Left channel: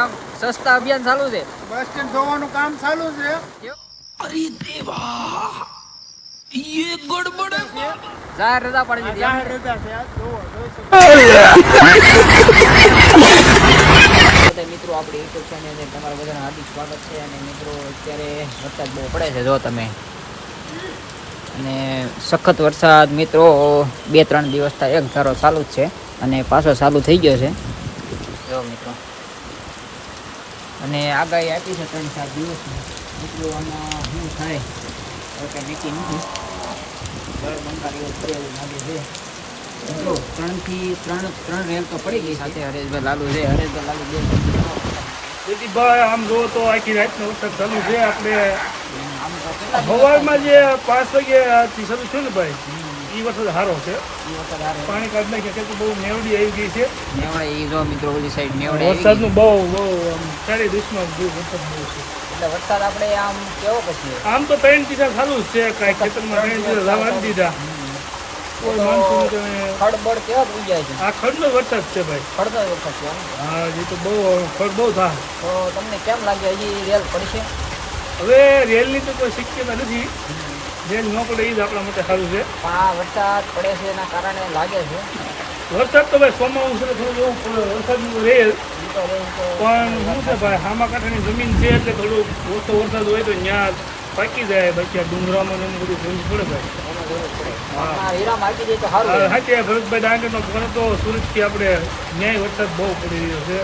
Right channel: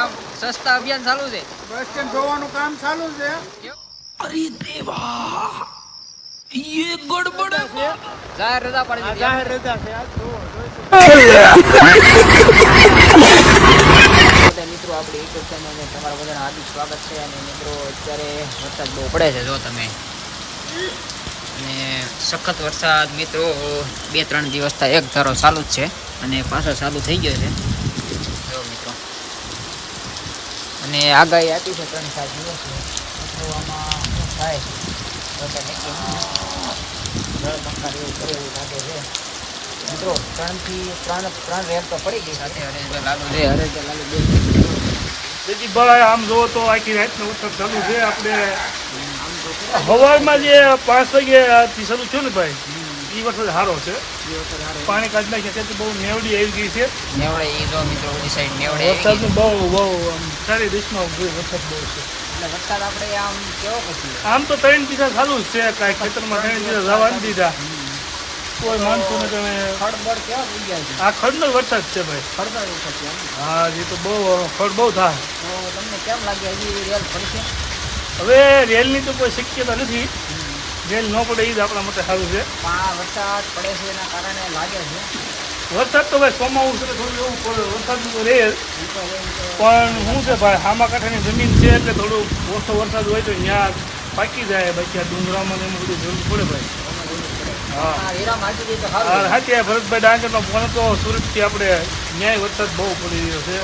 એમ સસ્તા અભિયાન ચાલુ છે. બસ સ્ટેન્ડ ધોવાનું કામ ચાલુ છે. અરે દેવા ये गड़बड़ है. જાહેર રજા પડી દીધી. જાહેર રજા છે આજ ધોવો જોઈ શકો. બધા મિત્રો આપણી યુટ્યુબ ચેનલને તમારા બધાનું હાર્દિક સ્વાગત છે. અને મિત્રો અત્યારે વરસાદ બહુ પડે છે જો તમે, અને સખત વરસાદ મિત્રો 2-3 દિવસથી એક ધારો ચાલુ જ છે અને પાછો ચાલુ થઈ ગયો છે જો મિત્રો. અને આગાહી આપી છે 3-4 દિવસની. મિત્રો આમાં શું થાય કાંઈ નક્કી નથી. જળ બંકાર એવું કરે એવું લાગે છે મિત્રો. 3 રેલ તો પડી ગઈ સાથે હરેશભાઈ લાલુ છે. હરેશભાઈ લાલુ બે બીજી ભાઈ આમ જોવો તો આખી રાતનો વરસાદ ચાલુ છે. આપણે આમ તો સવારમાં જે 5 વાગ્યાથી શરૂ થયું ને ભાઈ, એ વરસાદ સારો છે. પાણી કાઢી નાખ્યા છે, બહુ નેવડી આવી ગઈ છે. નેવડે ઈ જો મિત્રો ઓલી સાઈડ નેવડે આવી ગઈ છે. બહુ આમ સારી રીતનો વરસાદ બહુ છે. એટલે વરસાદ આપણે આમ કેવો પછી આમ તો 3 દિવસ ચાલુ જ છે. કાંઈ ખેતરમાં 3 દિવસ લાવવા નથી દીધા. કોઈ માણસો ખડબડ કેવો થઈ જાય છે. આ ખડનો વરસાદ છે ભાઈ. ખડબડ વરસાદ છે એમ. હા, એ તો બહુ ખડ બહુ થાય. તો તમને કેમ લાગે હજી રેલ પડશે? હવે રેલની તો કોઈ શક્યતા નથી. રેલ ન પડે એ જ આપણા માટે સારું છે. પણ આ વરસાદ પડે છે એના કારણે લાગે છે. વરસાદ તો ભાઈ સોમાવું છે, થોડું એવું પડે વરસાદનું તો રહે જ. ઈ તો રહે તો પણ શું છે ભાઈ, હામા કાંઠાની જમીન છે એટલે થોડું ઓછો વરસાદ હોય તો ત્યાં પાકી જાય. બાકી આ ડુંગરામાં ને એનું બધું જરૂર પડે ભાઈ. એમાં જરૂર પડે. આ હીરા માટી દે તો સારું. હા, ભરતભાઈ ડાંગરનો ફોન તો સુરતથી આપણે ન્યાય વરસાદ બહુ પડી રહ્યો છે.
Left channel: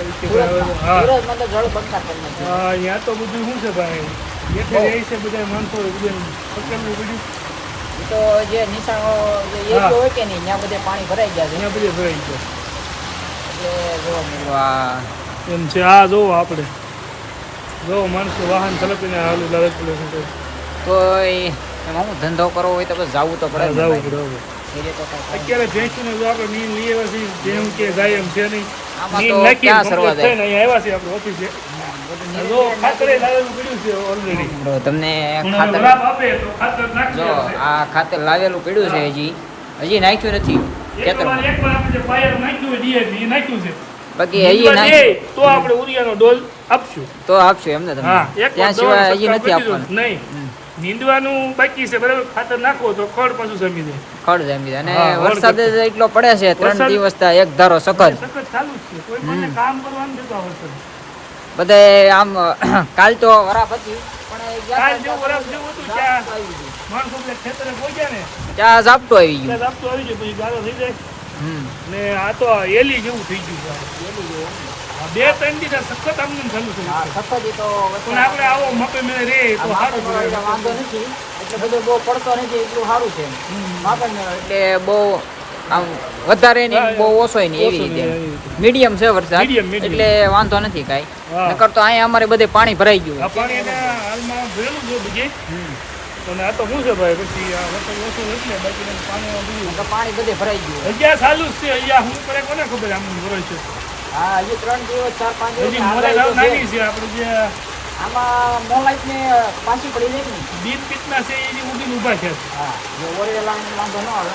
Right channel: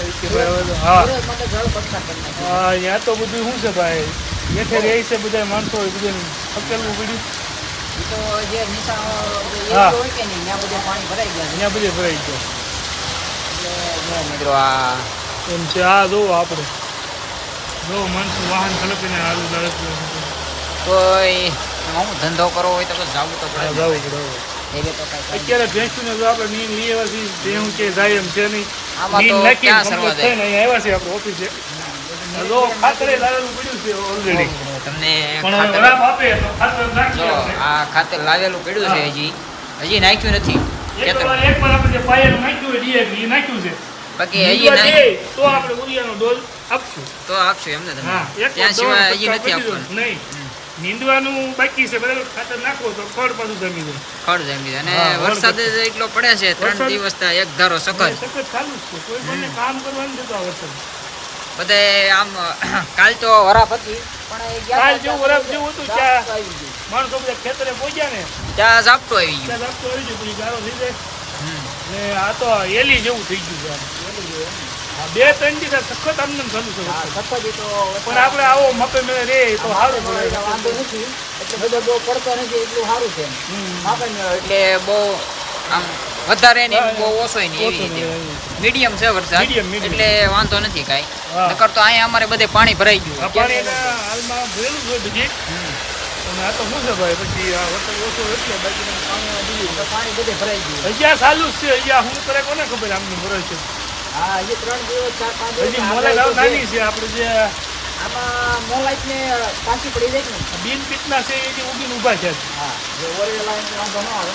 હા સુરત માટે જળ બંકાર કરી નાખ્યું. હા, ત્યાં તો બધું શું છે ભાઈ, બેઠે રહે છે બધા માણસો, બધું પકેલું બધું. ઈ તો જે નિશાળો જે એરિયો હોય કે નહીં ત્યાં બધે પાણી ભરાઈ ગયા છે. ત્યાં બધું ભરાઈ ગયો એટલે જો મિત્રો આ એમ છે. આ જોવો આપણે જો માણસો વાહન ચલાવીને આલુ લાવે છે. કોઈ એમાં હું ધંધો કરવો હોય તો બસ જવું તો પડે ને ભાઈ. એટલે તો કાંઈ થાય અત્યારે ભેંસને જો આપણે નીંદ લઈ આવ્યા છીએ, જેમ કે જાય એમ છે નહીં. આમાં તો ક્યાં સરવા જાય. આવ્યા છે આપણે ઓફિસે. જો ખાતરે લાવેલું પડ્યું છે ઓલરેડી. મિત્રો તમને પણ ખાતર વરાપ આપે તો ખાતર નાખી જો દેવાનું. આ ખાતર લાવેલું પડ્યું છે. હજી નાખ્યું નથી ખેતરમાં. એકવાર આપણે જે પાયાનું નાખ્યું હોય DAP, એ નાખ્યું છે. બાકી હજી નીંદવા દે તો આપણે ઉરિયાનો ડોઝ આપશું. તો આપશું એમને તમને. હા, એકવાર ત્યાં સિવાય હજી નથી આપવાનું. નહીં, નીંદવાનું બાકી છે. બરાબર, ખાતર નાખો તો ખડ પાછું જમી જાય. ખડ જમી અને હા, વરસાદ જ એટલો પડે છે 3 દિવસથી એક ધારો સખત. સખત ચાલુ જ છે. કોઈ પણ કામ કરવાનું થતું આ વરસાદ. બધે આમ કાલ તો વરાપ હતી પણ એ ગયા કાલ તા જેવું વરસાદ જેવું હતું ઝાપટું ત્યાં આવી ગયું. માણસો બધા ખેતરે પહોંચ્યા ને ત્યાં ઝાપટું આવી ગયું. ત્યાં આપતો આવી જાય, પછી ગારો થઈ જાય. ને આ તો એલી જેવું થઈ ગયું છે. પેલું જો એમ ને. આ 2-3 દિવસ સખત આમને ચાલુ છે. હા, સખત ઈ તો પણ આપણે આવો મપે મેળે રે તો સારું માપે પડે. વાંધો નથી એટલે બધો બહુ પડતો નથી એટલું સારું છે. માપે મેળો એટલે બહુ આમ વધારે નહીં બહુ ઓછો નહીં એવી રીતે મીડિયમ છે વરસાદ. Medium. એટલે વાંધો નથી કાંઈ. હા. નકર તો અહીંયા અમારે બધે પાણી ભરાઈ ગયું આ પાણી હાલમાં ભરેલું છે બીજે. હમ. અને આ તો શું છે ભાઈ, પછી આ વરસાદ ઓછો એટલે બાકી પાણી બીજું તો પાણી બધે ભરાઈ ગયું. હજી ચાલુ જ છે. અહીંયા શું કરે કોને ખબર આમની ભરાય છે. હા, હજી 3 દિવસ 4-5 દિવસ હજી મોરે લાવ નાની છે. આપણે જે આમાં મોલાઈટ ને પાછી પડી જાય ને. બીન પીતના છે એ જે ઉડીને ઊભા છે. હા, જો ઓરે લાવવાનો વાંધો ન આવે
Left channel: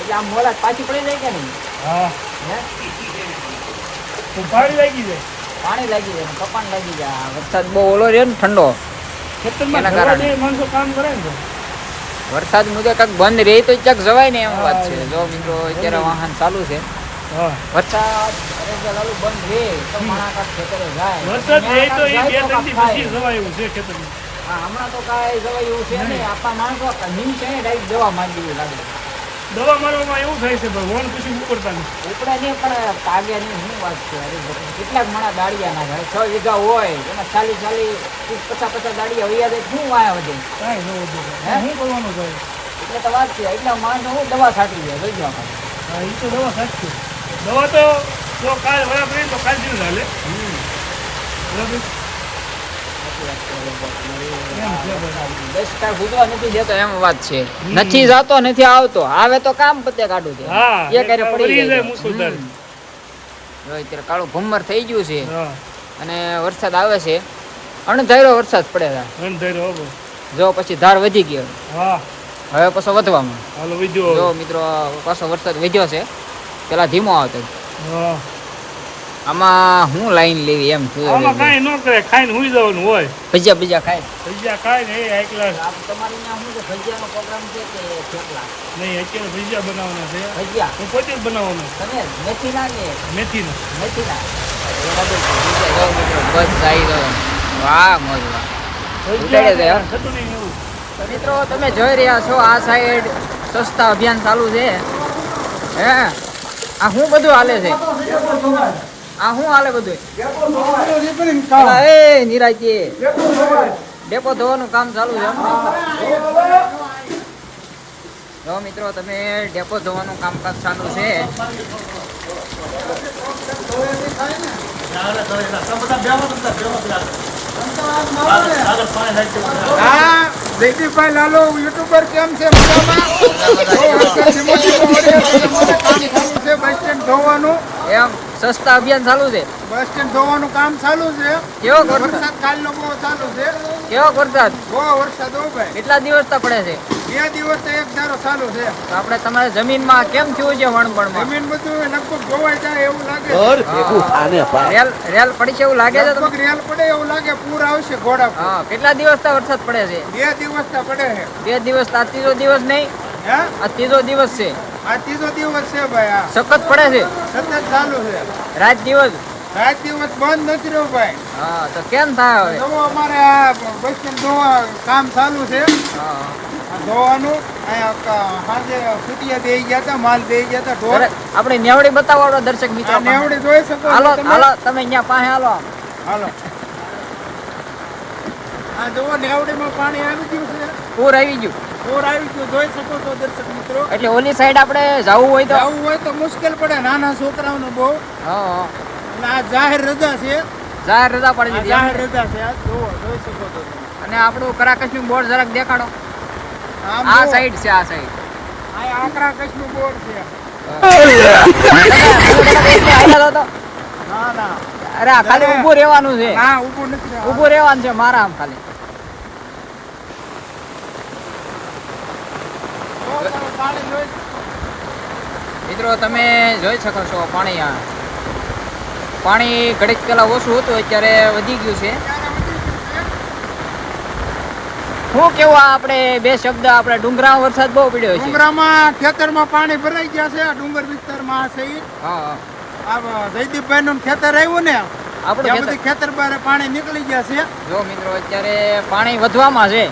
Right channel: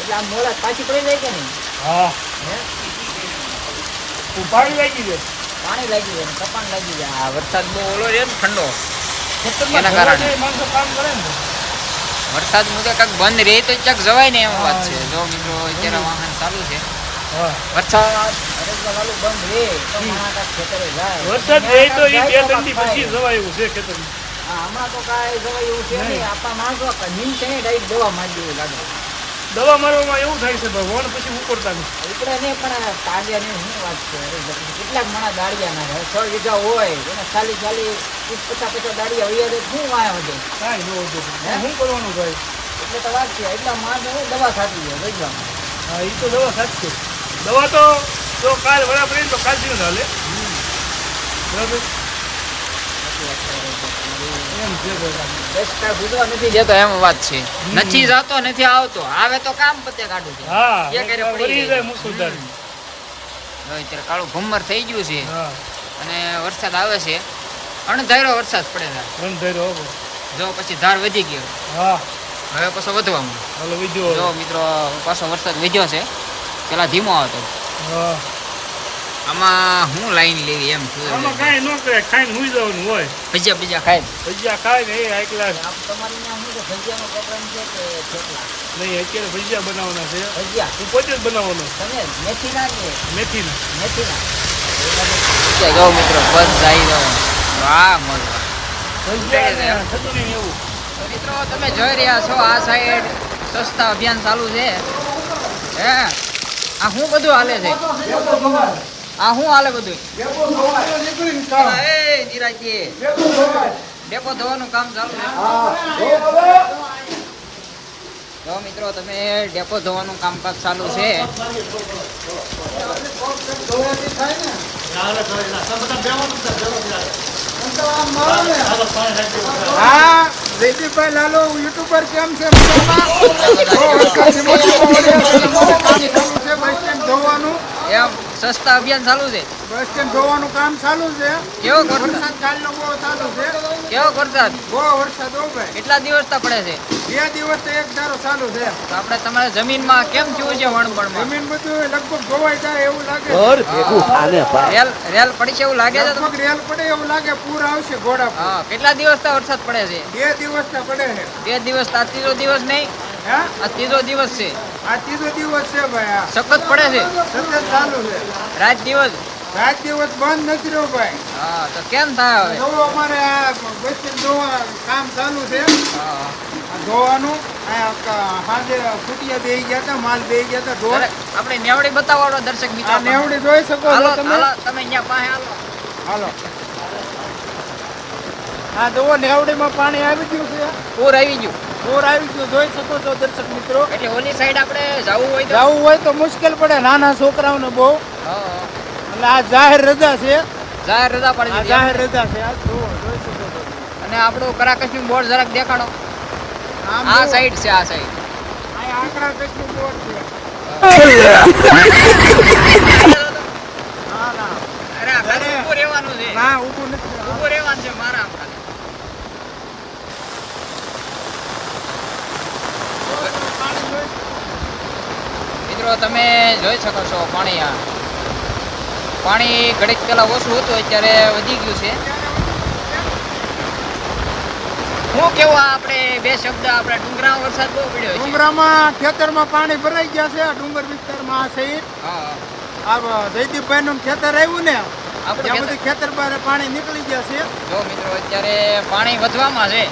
એટલે આમ મોલાઈટ પાછી પડી જાય કે નહીં. હા, હે તો પાણી લાગી જાય. પાણી લાગી જાય ને કપાણ લાગી જાય. આ વરસાદ બહુ ઓલો છે ને ઠંડો ખેતરમાં એના કારણે. માણસો કામ કરે ને. વરસાદ મુજબ કાંઈક બંધ રહે તો ક્યાંક જવાય ને એમ વાત છે. જો મિત્રો અત્યારે વાહન ચાલુ છે. હા. વરસાદ ચાલુ બંધ રહે તો માણસ કાંઈક ખેતરે જાય. વરસાદ રહે તો એ જાય 2-3 દી કાંઈક પછી થાય. જવાય એવું છે ખેતરમાં. હા, હમણાં તો કાંઈ જવાય એવું છે નહીં. આપણા માણસો નીમ છે ને ડાયરેક્ટ દવા માંગી એવું લાગે. દવા મારવામાં એવું થાય છે ભગવાન પછી ઉપડતા નથી. ઉપડે નહીં પણ કાવ્યાની શું વાત છે. અરે કેટલાક માણસ દાડિયા ના થાય 6 વીઘા હોય એના 40-50 દાડિયા વૈયા દે શું વાય વધે. કાંઈ ન વધુ હે? શું કરવાનું ભાઈ. એટલે તો વાત છે. એટલા માણસો હું દવા છાંટી જાય લઈ જવા માટે. હા, એ તો દવા સાચી છે. દવા તો જો કાલ બરાબર રહી તો કાલ જેવું ચાલે. બરાબર એમ છે ભાઈ. 10 કાર ભૂગવા નથી જતો એમ વાત છે. નથી જાતો નથી આવતો. આવે તો કામ પતે કાઢું છે. હા, એ ક્યારે પડી પડી જાય જાય તો. મુસીબત. જો અત્યારે કાળું ભમર થઈ ગયું છે હા, અને વરસાદ આવે છે. અણધાર્યો વરસાદ પડે છે. એમ થઈ રહ્યો હવે. જો પછી ધાર વધી ગયો હા, હવે પાછો વધવામાં. હાલો વિડીયો. જો મિત્રો પાછો વરસાદ વધ્યો છે. પેલા ધીમો આવતો. હા, આમાં હું લાઈન લેવી એમ છું આમાં કાંઈ ન કરે, ખાઈને હુઈ જવાનું હોય. ભજીયા બીજા ખાય ભજીયા ખાય ને એ એકલા તમારી ત્યાં શું છે ભજીયાનો પ્રોગ્રામ છે કે થેપલા નહીં, અત્યારે ભજીયા બનાવવાના છે. ભજીયા હું પોતે જ બનાવવાનો. તમે મેથીના કે મેથીના. મેથીના ભજીયા જો મિત્રો બસ જાય તો વાહ મોજ વાહ ઉતારે છે હો. ચટણી એવું. તો મિત્રો તમે જોઈ રહ્યા છો આ સાઈડ સસ્તા અભિયાન ચાલુ છે હે આ શું બધું હાલે છે આ શું હાલે બધું પેલા એ નિરાજી ડેપો ધોવાનું કામ ચાલુ છે જો મિત્રો તમે ડેપો ધોવાનું કામકાજ ચાલુ છે હા જયદીપભાઈ લાલો યુટ્યુબર કેમ છે મજામાં? બસ સ્ટેન્ડ ધોવાનું એમ સસ્તા અભિયાન ચાલુ છે બસ સ્ટેન્ડ ધોવાનું કામ ચાલુ છે. કેવો વરસાદ વરસાદ કાલનો બહુ ચાલુ છે. કેવો વરસાદ બહુ વરસાદ હો ભાઈ. કેટલા દિવસ તા પડે છે 2 દિવસ તો એક ધારો ચાલુ છે. તો આપણે તમારે જમીનમાં કેમ થયું છે વણબણમાં જમીન બધું લગભગ ધોવાઈ જાય એવું લાગે. રેલ પડી છે એવું લાગે છે તમને? લગભગ રેલ પડે એવું લાગે. પૂર આવશે ઘોડા પર. હા કેટલા દિવસ તા વરસાદ પડે છે 2 દિવસ તો પડે છે. 2 દિવસ તા ત્રીજો દિવસ નહીં હે આ ત્રીજો દિવસ છે આ 3જો દિવસ છે ભાઈ. આ સખત પડે છે સતત ચાલુ છે. રાત દિવસ રાત દિવસ બંધ નથી રહ્યો ભાઈ. હા તો કેમ થાય હવે જોવો અમારે આ બસ સ્ટેન્ડ ધોવા કામ ચાલુ છે. હા. આ ધોવાનું અહીંયા સાંજે ફૂટિયા દઈ ગયા હતા, માલ દઈ ગયા હતા ઢોર. દરેક આપણે નેવડી બતાવવાનો દર્શક મિત્રો આ નેવડી જોઈ શકો છો હાલો તમે. હાલો તમે અહીંયા પાસે હાલો હાલો આ જોવો નેવડીમાં પાણી આવી ગયું છે. પૂર આવી ગયું પૂર આવી ગયું જોઈ શકો છો દર્શક મિત્રો. એટલે ઓલી સાઈડ આપણે જવું હોય તો જવું હોય તો મુશ્કેલ પડે નાના છોકરાઓને બહુ. હા એટલે આ જાહેર રજા છે. જાહેર રજા પડી આ દીધી જાહેર એમ? રજા છે. આ જોવો જોઈ શકો છો તમે. અને આપણું કરાકશનું બોર્ડ જરાક દેખાડો આમ આ જોવો. સાઈડ છે આ સાઈડ આ આકરા કચ્છનું બોર્ડ છે. ના ના અરે આ ખાલી ઊભું રહેવાનું છે ના ઊભું નથી. ઊભું રહેવાનું છે મારા આમ ખાલી પાણી જોઈ મિત્રો તમે જોઈ શકો છો પાણી આ પાણી ઘડીક પેલા ઓછું હતું અત્યારે વધી ગયું છે શું કેવું આ આપણે બે શબ્દ આપણે ડુંગરામાં વરસાદ બહુ પડ્યો છે ડુંગરામાં ખેતરમાં પાણી ભરાઈ ગયા છે. આ ડુંગર વિસ્તારમાં આ સહિત હા આ જયદીપભાઈ નું ખેતર આવ્યું ને આપણું ત્યાં ખેતર- બધી ખેતર બહાર પાણી નીકળી ગયા છે. જો મિત્રો અત્યારે પાણી વધવામાં છે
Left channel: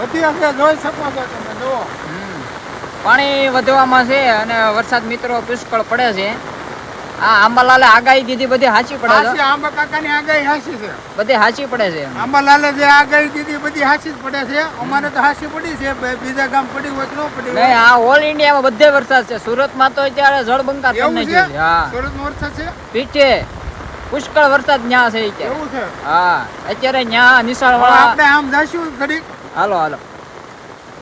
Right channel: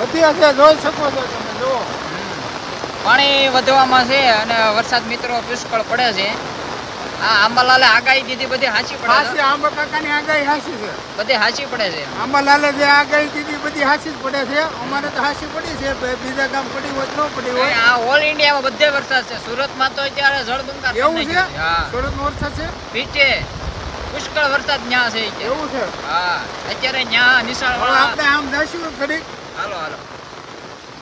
વધી હશે જોઈ શકો છો તમે જુઓ. પાણી વધવામાં છે અને વરસાદ મિત્રો પુષ્કળ પડે છે આ આંબાલાલે આગાહી દીધી બધી સાચી પડે હાચી છે આંબા કાકાની આગાહી હાચી છે. બધી સાચી પડે છે આંબાલાલે જે આગાહી દીધી બધી હાચી જ પડે છે. અમારે તો હાચી પડી છે. બીજા ગામ પડી હોય તો ન પડી નહીં, હોય. આ ઓલ ઇન્ડિયામાં બધે વરસાદ છે સુરતમાં તો અત્યારે જળબંકાર કરી એવું નાખ્યું છે? છે હા સુરતમાં વરસાદ છે પીછે પુષ્કળ વરસાદ ન્યા છે અત્યારે એવું છે. હા અત્યારે ન્યા નિશાળ હવે વાળા આપણે આમ જઈશું ઘડીક. હાલો હાલો